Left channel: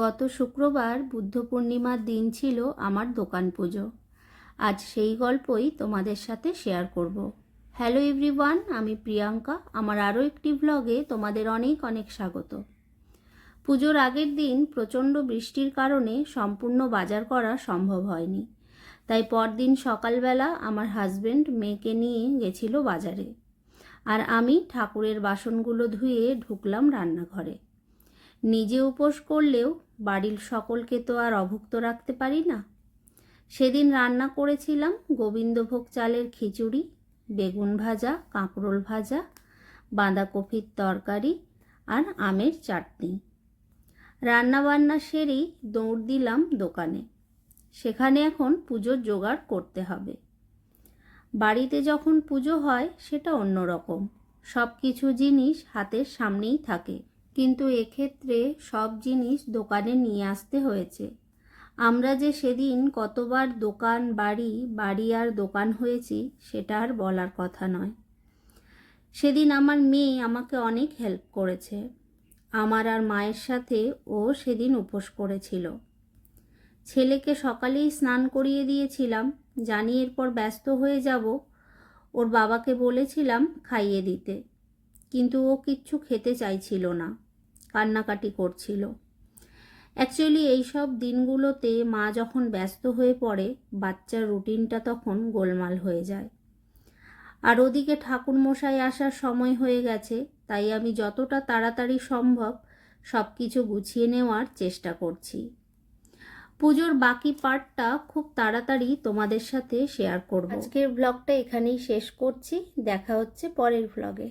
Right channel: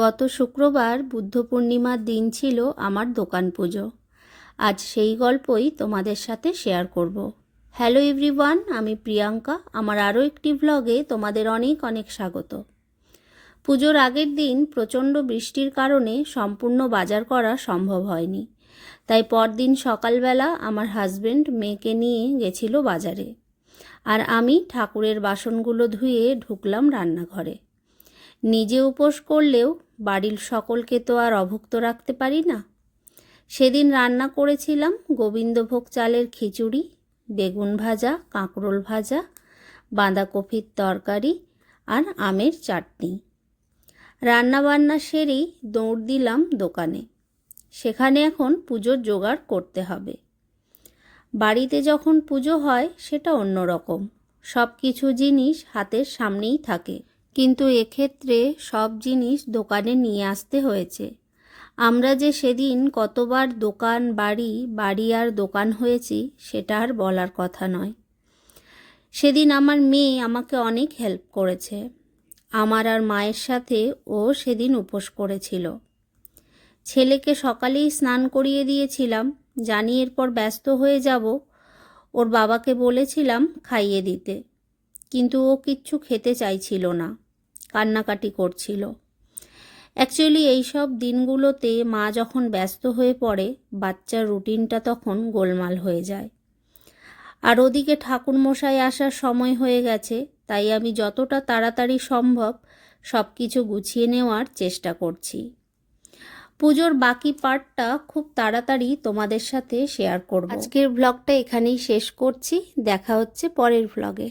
গত শুক্রবার বুদ্ধ পূর্ণিমার দিন ছিল আমার দোকান পুজো। আজ সেই গল্পই তোমাদের সাথে শেয়ার করব। হ্যালো এভরিওয়ান, আমি প্রিয়াঙ্কা। আমার আরও একটি ব্লগে তোমাদের অনেক অনেক স্বাগত। পুজোর আগের দিন প্রচণ্ড বৃষ্টির কারণে সম্পূর্ণ বাজার করা সম্ভব হয়নি, তাই পরদিন সকালবেলা আমার হাজবেন্ড মেয়েকে নিয়ে গেছিল বাজারে, আর আমি ঠাকুরের বাসনগুলো ধুয়ে ঢুকলাম রান্নাঘরে। নিজে উপোস করলেও বাড়ির সকলকে তো আর অভুক্ত রাখতে পারি না। সেদিন রান্না করেছিলাম গোবিন্দভোগ চালের খিচুড়ি, বেগুন ভাজা, কাঁকরোল ভাজা, বাঁধাকপির তরকারি আর আমের চাটনি। রান্নাবান্না সেরেই দৌড় দিলাম দোকানে। সেখানে এখন পুজোর জোগাড় করতে হবে। বাড়িতে যখন পুজো হয় সেটা অন্যরকম, সব কিছু জিনিস হাতের সামনেই থাকে, কিন্তু এক্ষেত্রে সব জিনিস দোকানে নিয়ে আসতে হয়েছে। আমরা যে সেদিন কতবার দোকান বাড়ি আর দোকান হয়েছি সেটা আর বলার কথা নয়। সেদিন আমার মেয়ে আমাকে অনেক হেল্প করেছে। আমার আর মায়ের সাথে ও সেদিন উপোস করেছিল। ছেলেকে সকালেই স্নান করিয়ে দিয়েছিলাম, জানি এরপর ব্যস্ত হয়ে যাব। ওর বাবাকে বলেছিলাম খাইয়ে দিতে, কিন্তু ও কিচ্ছু খেতে চাইছিল না, কান্নাকাটি করছিল। অ্যাকচুয়ালি এইসব দিনগুলোতে মা যখন ব্যস্ত হয়ে পড়ে, বাচ্চার রুটিনটা তখন গোলমাল হয়ে যায়। আর ওদিকে ঠাকুরমশাই আসার সময় হয়ে গেছে, তাই আমি যতটা তাড়াতাড়ি সম্ভব সব কিছু গুছিয়ে নেওয়ার চেষ্টা করছি। পুজোর বাকি পার্টটা খুব তাড়াতাড়ি তোমাদের সাথে শেয়ার করব। আজকের ব্লগটা এখানেই শেষ করছি। দেখা হচ্ছে পরের ব্লগে।